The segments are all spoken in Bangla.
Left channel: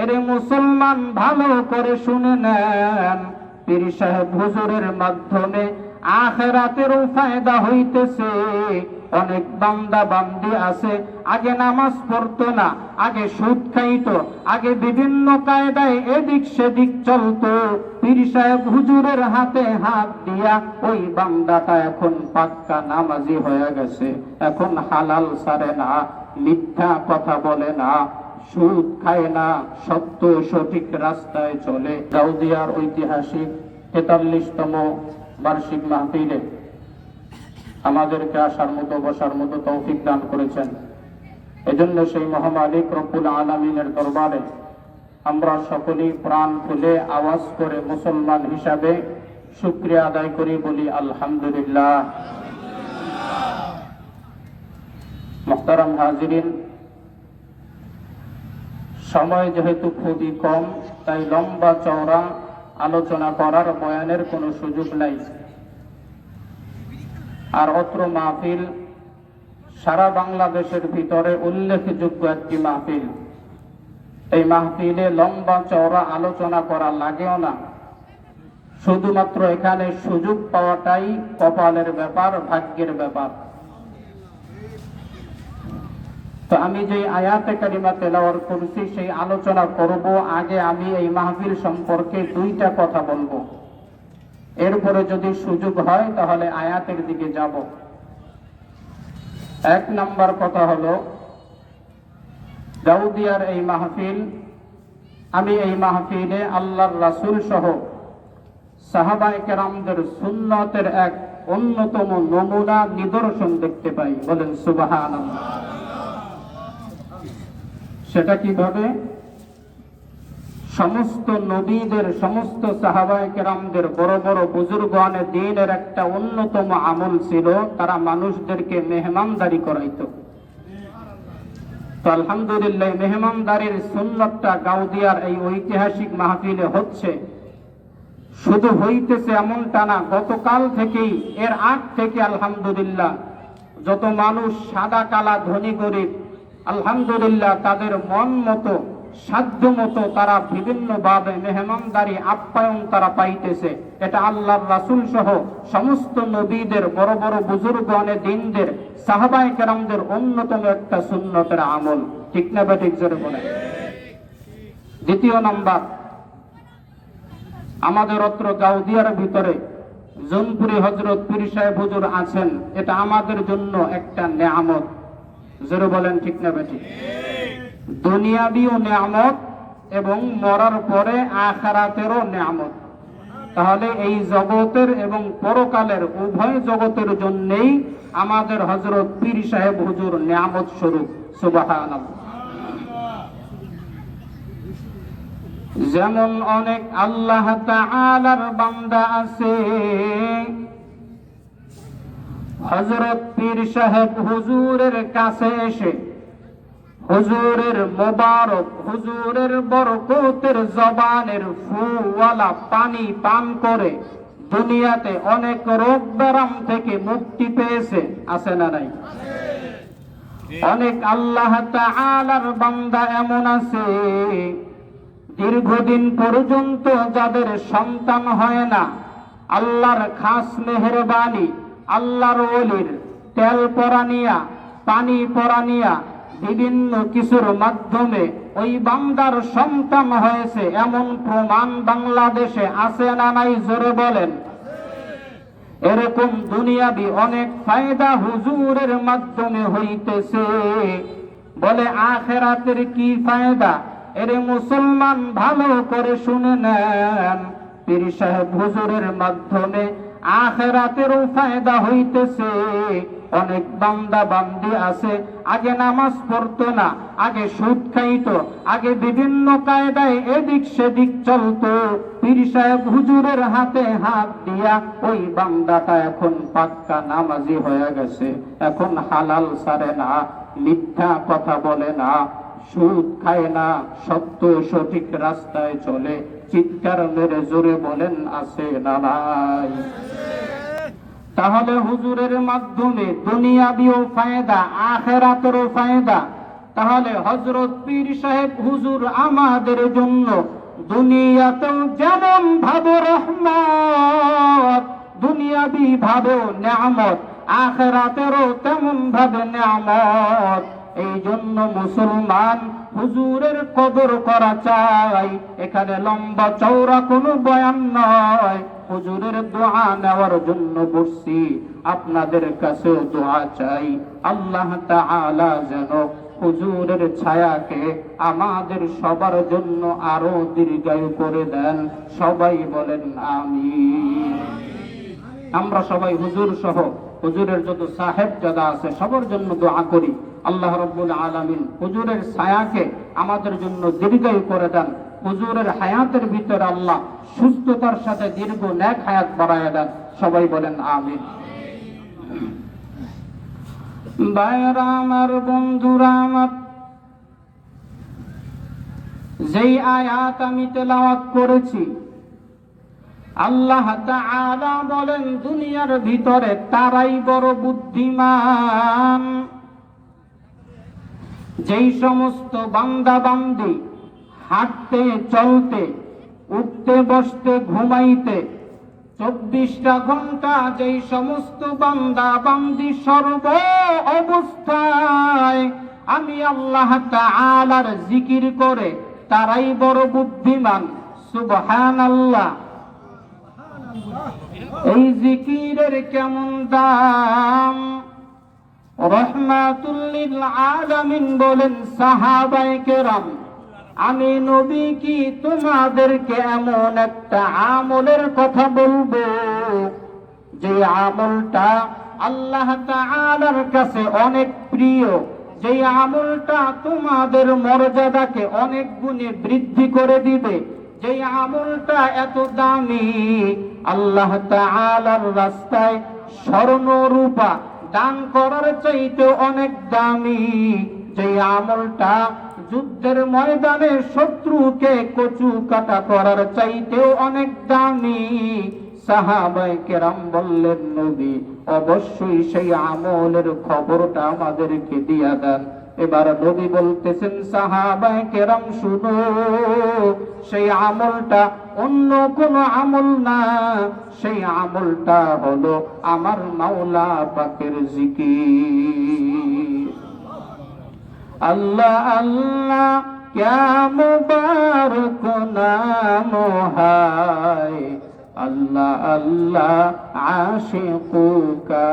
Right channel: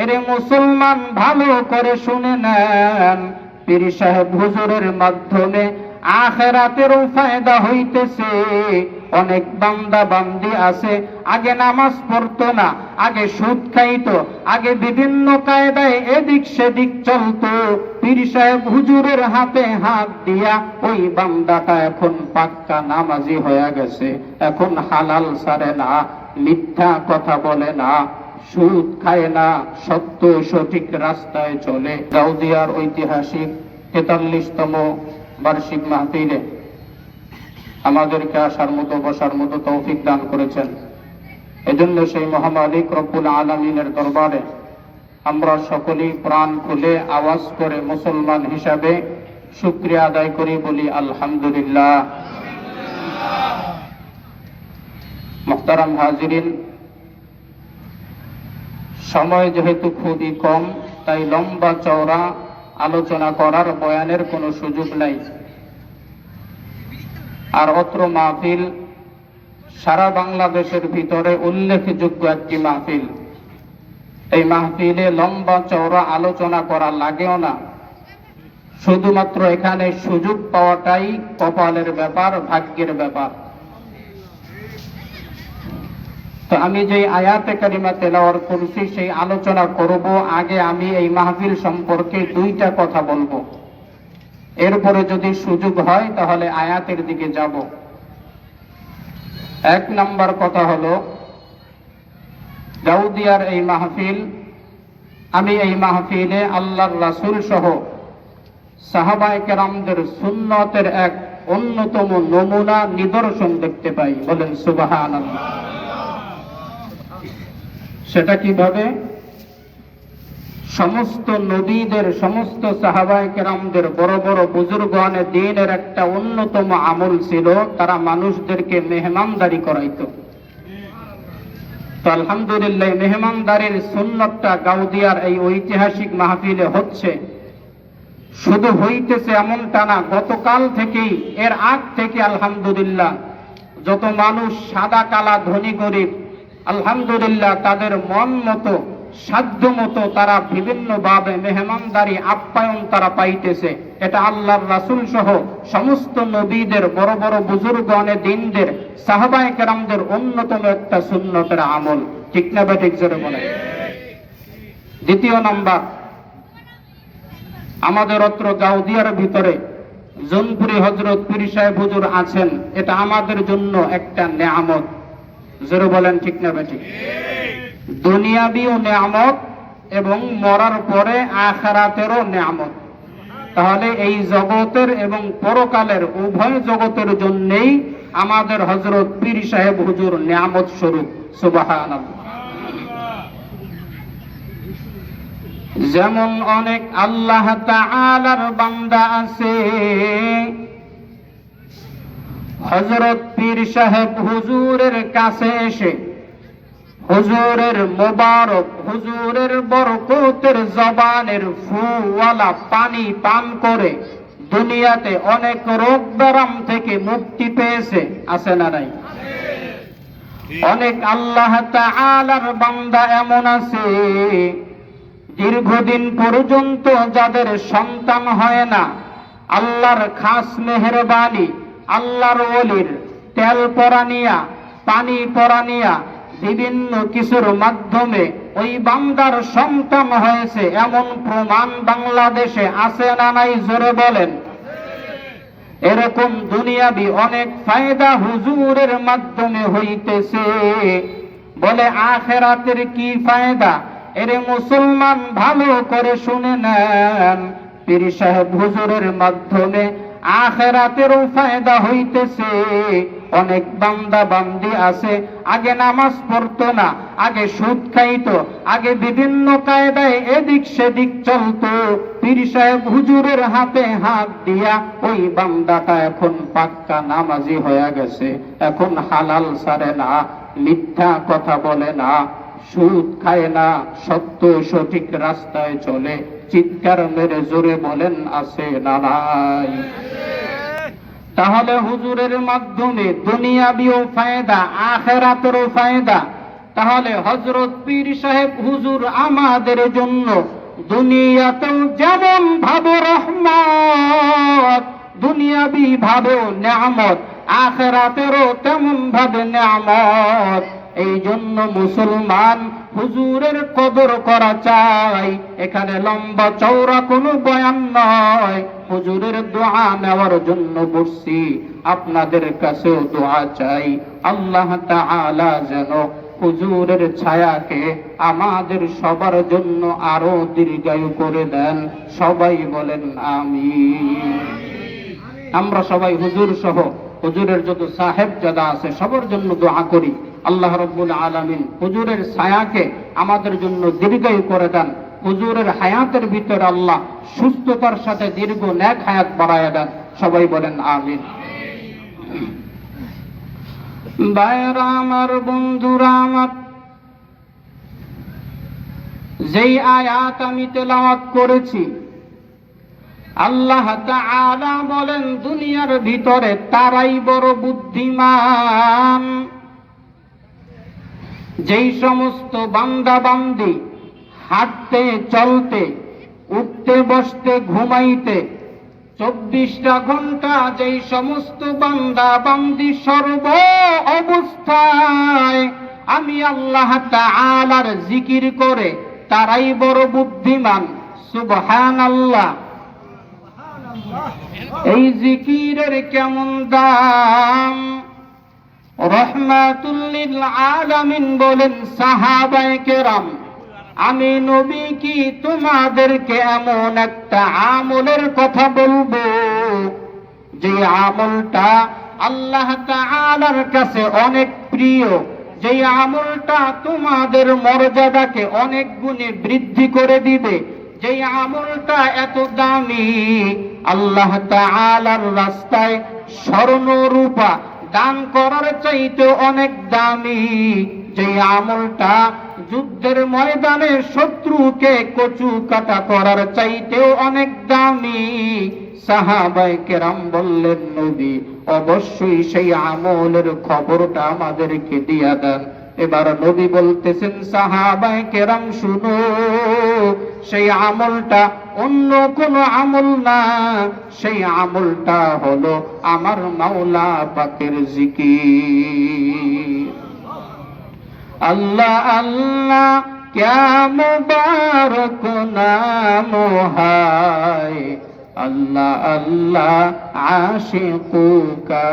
এরে মুসলমান ভালো করে শুনে নেন। পীর সাহেব হুজুরের মাধ্যমে আখেরাতেরও ফায়দা হইতেছে। অনেক বান্দা বান্দি আছে, আগে নামাজ না, আগে সুদ আগে বিভিন্ন কায়দায় এদিক সেদিক চলতো। পীর সাহেব হুজুরের হাতে হাত দিয়া ওই বান্দাটা এখন পাক্কা নামাজি হয়ে গেছে, এখন হালাল সারে না, মিথ্যা কথা বলে না। সুদ খায় না, সত্য সঠিক রাস্তায় চলে। গাউদিয়ার ঐতিহাসিক তেতাল্লিশতম বার্ষিক মাহফিলে আমাদেরকে আসার মতো, বসার মতো তৌফিক দান করেছেন। এজন্য সেই মহামালিক রব্বুল আলমিনের দরবারে আমরা সকলেই প্রাণ খুলে আওয়াজ করে মুসলমান হিসাবে শুক্রিয়া আদায় করি, বলি আলহামদুলিল্লাহ। মোহতারাম হাজিরিন সময় যেহেতু খুবই কম, তাই লম্বা চওড়া আলোচনা করার বয়ানের কোনো সুযোগ নাই। আর অত্র মাহফিল সারা বাংলাদেশের ভিতরে উল্লেখযোগ্য একটি মাহফিল। এই মাহফিলে লম্বা চওড়া আলোচনা করা লাগেও না। শুধুমাত্র এখানে সুযোগ পাওয়াটাই কপালের ব্যাপার, ভাগ্যের ব্যাপার। তো আমি যে আয়াতে কারিমা তেলাওয়ার করছি, সেই আলোচনা করব। আগে আমি এই মাহফিল সম্পর্কে দুইটা কথা বলব। এরপরে যদি সুযোগ হয়, তাহলে আয়াতের দিকে যাব। এক নাম্বার কথা হলো, গাউদিয়ার এই মাহফিল, আমি এই মাহফিলে আল্লাহর রাসূল সহ সাহাবায়ে সুন্নতের এক অন্যতম নমুনা নিদর্শন দেখতে পাই। বলেন সুবহানাল্লাহ। সেটা কীভাবে? সমস্ত নবীদের, সমস্ত সাহাবায় কেরামদের, বড় বড় বুজুর্গানে দিনের একটা অন্যতম আমল ছিল, তারা মানুষদেরকে মেহমানদারি করাইত। তো আলহামদুলিল্লাহ মেহমানদারির সুন্নতটা গাউদিয়ার এই ঐতিহাসিক মাহফিলে হচ্ছে। শুধু হইতেছে এমনটা না, গতকাল থেকেই, এর আগ থেকে আলহামদুলিল্লাহ, যত মানুষ সাদা, কালা, ধনী, গরিব আলহামদুলিল্লাহ, তাদের মন মতো, সাধ্য মতো তারা বিভিন্ন ভাবে মেহমানদারি, আপ্যায়ন তারা পাইতেছে। এটা আল্লাহ রাসুল সহ সমস্ত নবীদের, বড় বড় বুজুর্গণে, দিনদের, সাহাবায়ে কেরামদের অন্যতম একটা সুন্নতের আমল। ঠিক না বেঠিক জোরে বলে দ্বিতীয় নাম্বার, আমাদের অত্র গাউদিয়ার ভিতরে জনপুরি হজরত পুরী সাহেব হুজুর আছেন। এটা আমাদের জন্য একটা নেয়ামত। জোরে বলেন ঠিক না বেঠিক। দুনিয়াবিও নেয়ামত এবং মরার পরে আখারাতেরও নেয়ামত। তাহলে এই জগতের এবং পরকালের উভয় জগতের জন্যেই আমাদের হজরত পীর সাহেব হুজুর নিয়ামত স্বরূপ সুবাহান যেমন অনেক আল্লাহ তাআলার বান্দা আছে। হজরত পীর সাহেব হুজুরের কাছে এসে হুজুরের মোবারক, হুজুরের বরকতের জবানের ফুওয়ালা পানি পান করে দুনিয়াতে অনেক রোগ ব্যারাম থেকে মুক্তি পেয়েছে। আছে না নাই? অনেক আল্লাহ তাআলার বান্দা এমন আছে, দীর্ঘদিন পর্যন্ত যাদের সন্তান হয় না, আল্লাহর খাস মেহরবানি আল্লাহর অলির তেল পরানিয়া, পানি পরানিয়া বিভিন্ন কিছুর মাধ্যমে ওই বান্দার সন্তান হয়েছে। এমন প্রমাণ বাংলাদেশে আছে না নাই? জোরে বলেন। এরকম দুনিয়াবি অনেক ফায়দা হুজুরের মাধ্যমে হইতেছে। বলে আখেরাতের কি ফায়দা? এরে মুসলমান ভালো করে শুনে নেন। পীর সাহেব হুজুরের মাধ্যমে আখেরাতেরও ফায়দা হইতেছে। অনেক বান্দা বান্দি আছে। আগে নামাজ পড়তো না, আগে সুদ খাইতো, আগে বিভিন্ন কায়দায় এদিক সেদিক চলতো। পীর সাহেব হুজুরের হাতে হাত দিয়া, ওই বান্দাটা এখন পাক্কা নামাজি হয়ে গেছে, এখন হালাল সারে না, মিথ্যা কথা বলে না, সুদ খায় না, সত্য সঠিক রাস্তায় চলে। চিৎকার মেরে জোরে বলেন, আছে না নাই? তাহলে হুজুরের মাধ্যমে দুনিয়াবিও ফায়দা, আখেরাতেরও ফায়দা। তাহলে হজরত পীর সাহেব, হুজুর, আমাদের জন্য দুনিয়াতেও যেমন ভাবে রহমত, দুনিয়াবি ভাবে নিয়ামত, আখেরাতেরও তেমন ভাবে নিয়ামত। এই জন্য মুসলমান হুজুরের কদর করা চাই। এখানে লম্বা চৌড়া কোনো বয়ান নয়। হুজুরের দোয়া নেওয়ার জন্য বসছি। আপনাদের কাছেও দোয়া চাই। আল্লাহ তাআলা যেন হুজুরের ছায়াকে আমাদের সবার জন্য আরও দীর্ঘায়ু করে দেন। সবাই বলেন আমি আমরা সবাই হুজুর সহ হুজুরের যত সাহেব জাদা আছে সবার জন্য দোয়া করি। আল্লাহ রব্বুল আলামিন হুজুরের ছায়াকে আমাদের জন্য দীর্ঘায়ু করে দেন। হুজুরের হায়াতের ভিতরে আল্লাহ সুস্থতার সাথে দীর্ঘ ন্যাক হায়াত বাড়ায় দেন। সবাই বলেন আমিন। ভাইরা আমার, বন্ধুরা আমার, যেই আয়াত আমি তেলাওয়াত করেছি আল্লাহ তাআলা বলেন, দুনিয়ার ভিতরে তারাই বড় বুদ্ধিমান। যেই সমস্ত বান্দা বান্দি হাঁটতে, চলতে, উঠতে, বসতে, ঘুমাইতে, চব্বিশটা ঘণ্টা যেই সমস্ত বান্দা বান্দি সর্ব অবস্থায় আমি আল্লাহ তাআলার জিকির করে তারাই বড় বুদ্ধিমান। সুবহান আল্লাহ এই জিকিরের কেমন দাম? রহমাতুল্লিল আলামিন বলেন, সাহাবায়ে কেরাম, আমি নবী কি তোমাদেরকে এমন একটা আমলের কথা বলব? যে আমলটা আল্লাহ তাআলার কাছে অনেক প্রিয়, যে আমলটা তোমাদের মর্যাদাকে অনেক গুণে বৃদ্ধি করে দিবে, যে আমলটা এত দামি আল্লাহ তাআলার রাস্তায় স্বর্ণ রূপা দান করার চাইতে অনেক দামি। যে আমলটা যুদ্ধের ময়দানে শত্রুকে কচু কাটা করার চাইতেও অনেক দামি। সাহাবাই কেরাম বললেন, নবী, অবশ্যই সেই আমলের খবরটা আমাদেরকে দিয়া দেন। এবার নবী বলতেছেন সাহাবাই কেরাম, শুনো, সেই আমলটা অন্য কোন আমল না। সেই আমলটা হলো আমার মাওলা পাকের জিকি আল্লাহ আল্লাহ ক্যা বার নাম হায়। আল্লাহ আল্লাহ, আশিকুকা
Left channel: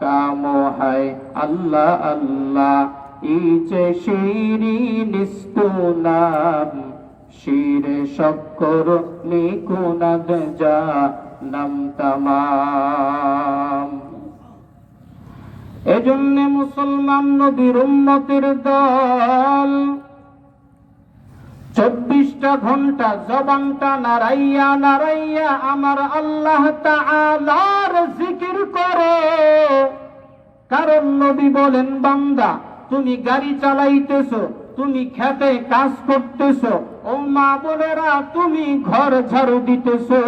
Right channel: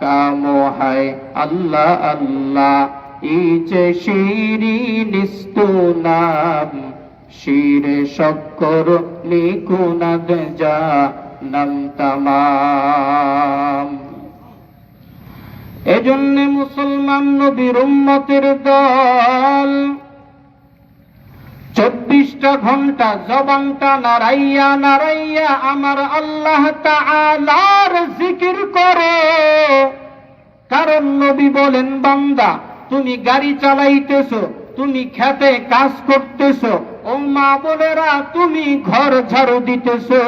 কাম হায়। আল্লাহ আল্লাহ ইচে শিরি নিস্তু নাম, শিরে শক্কর নিকুনাদ যা নাম তামাম। এজন্য মুসলমান নবীর উম্মতের দল চব্বিশটা ঘণ্টা জবানটা নারাইয়া নারাইয়া আমার আল্লাহ তাআলার জিকির করো। কারণ নবী বলেন, বান্দা তুমি গাড়ি চালাইতেছো, তুমি খেতে কাজ করতেছ, ও মা বোনেরা, তুমি ঘর ঝাড়ু দিতেছো।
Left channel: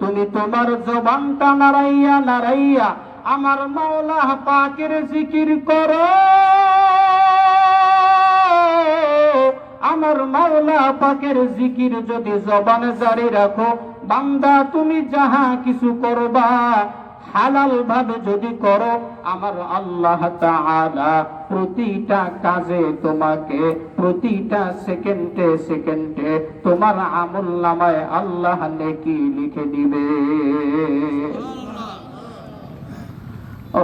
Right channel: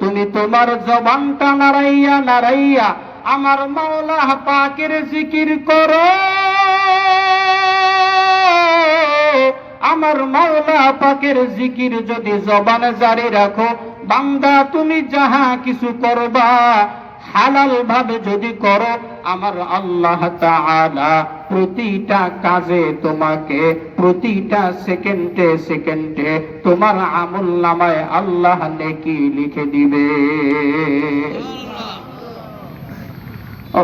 তুমি তোমার জবানটা নাড়াইয়া নাড়াইয়া আমার মাওলা পাকের জিকির করো। আমার মাওলা পাকের জিকির যদি জবানে জারি রাখো, বান্দা তুমি যাহা কিছু করবা হালাল ভাবে যদি করো, আমার আল্লাহ তাআলা প্রতিটা কাজে তোমাকে প্রতিটা সেকেন্ডে সেকেন্ডে তোমার আমল নামায় আল্লাহ নেকি লিখে দিবে।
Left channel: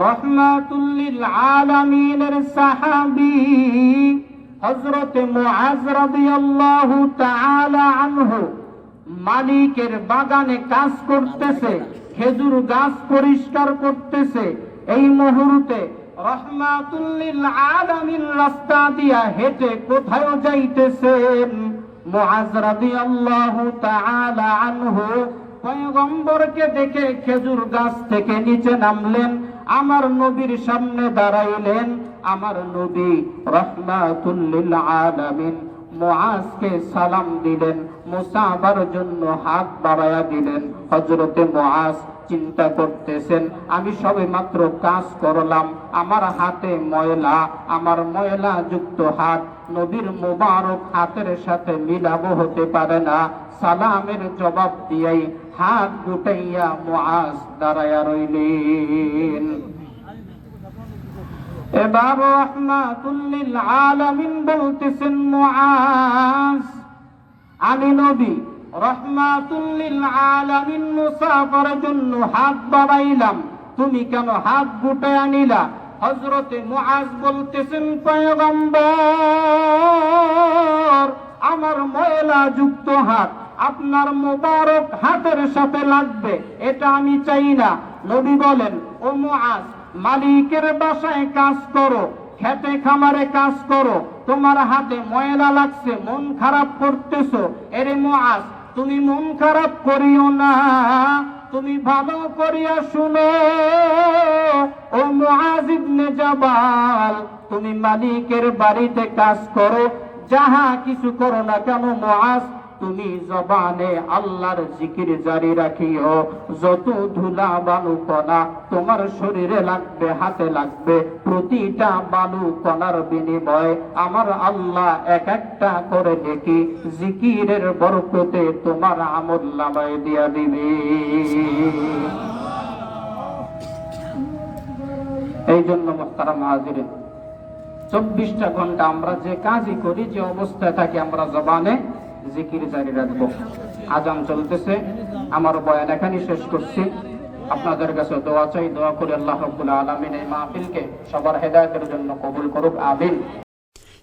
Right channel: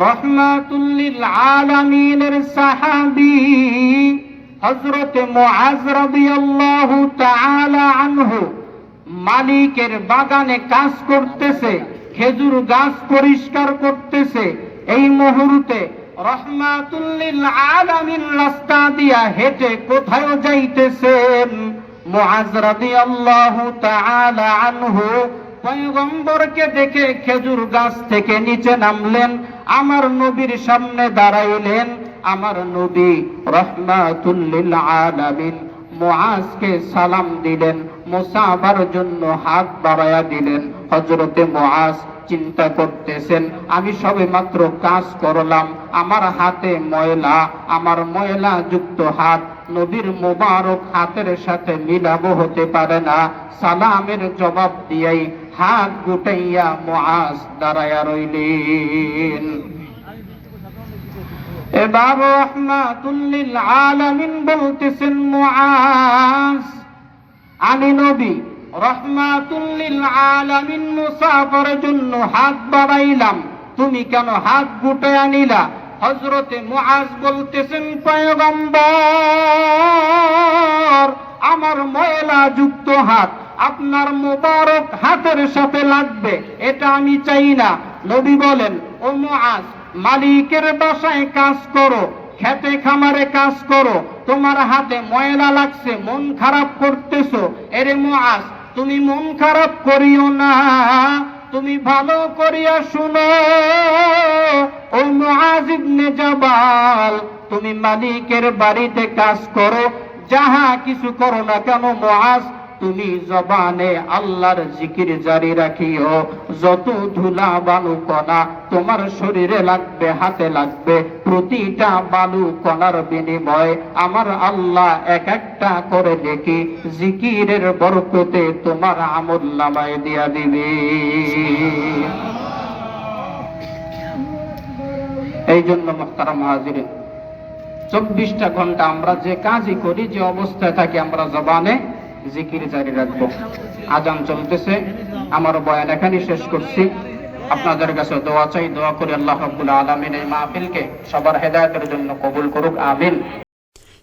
রহমাতুল্লিল আলামিনের সাহাবী হযরত মুআজ রাদিয়াল্লাহু তাআলা আনহু মালিকের বাগানে কাজ করতেছে, খেজুর গাছ পরিষ্কার করতেছে। এই মুহূর্তে রহমাতুল্লিল আলামিন রাস্তা দিয়া হেঁটে কোথায় যাইতেছেন? মুআজ রাদিয়াল্লাহু তাআলা আনহু পয়গম্বরকে দেখে খেজুর গাছ থেকে নিচে নামলেন, আমার নবীর সামনে দাঁড়াইলেন। আমার নবী রহমাতুল্লিল আলামিন মুআজকে সালাম দিলেন। মুসাফার জন্য হাত বাড়ায়া দিলেন। হযরতে মুআজ চিন্তা করতেছেন, আমি সবে মাত্র কাজ করলাম, আমার হাতে ময়লা, আমার ময়লা যুক্ত হাত, নবীর মোবারক হাতের সাথে মিলাবো হতে পারে না। সালামের জবাব দিয়াই হাত গুটাইয়া মুআজ দাঁড়ায়া রইলেন। এবার রহমাতুল্লিল আলামিন বলতেছেন, মুআজ আমি নবী রহমাতুল্লিল আলামিন মুসাফারের জন্য হাত বাড়াইলাম। তুমি কেন হাত গুটে আনিলা? হজরতে মুআজ বলতেছেন, পয়গম্বর, আমার ময়লা যুক্ত হাত, আপনার মোবারক হাতের সাথে লাগবে, এটা আমি চাই না। নবী বলেন, ও মুআজ, মালিকের বাসায় কাজ করো। খেতে খামারে কাজ করো, তোমার হাতে ময়লা লাগছে, মন খারাপ করতেছো। এরে মুআজ, তুমি মন খারাপ করিও না, তুমি ভালো করিয়া শুনো। ও মুআজ ইবনে জাবাল, তুমি মালিকের বাড়িতে কাজ করো, যাহা কিছু করো না কেন মুআজ তুমি জবানে আল্লাহর জিকির জারি রাখিও। যত ধুলা বালু কণা তোমার শরীরে লাগবে, হাতে লাগবে, প্রতিটা বালু কণার বিনিময় আমার আল্লাহ এক একটা করে দেখি জিকিরের বরকতে তোমার আমল নামায় দিয়া দিবে। এই জন্য মোখতারাম হাজিরিন, চব্বিশটা ঘণ্টা আমরা যে কাজই করি, যে অবস্থায় থাকি আমরা জবানে জিকির জারি রাখব। আজান চলতেছে। আমার বয়ান এখানে শেষ করছি। আপনাদের কাছে দোয়া চাই, দোয়া করে আল্লাহ রাব্বুল আলমিন এই মাহফিলকে সবার হেদায়তের জন্য কবুল করুক, আমিন।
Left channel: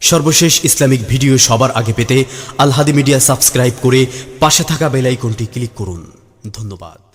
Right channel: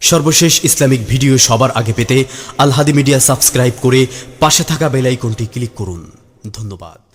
সর্বশেষ ইসলামিক ভিডিও সবার আগে পেতে আলহাদি মিডিয়া সাবস্ক্রাইব করে পাশে থাকা বেলাইকনটি ক্লিক করুন। ধন্যবাদ।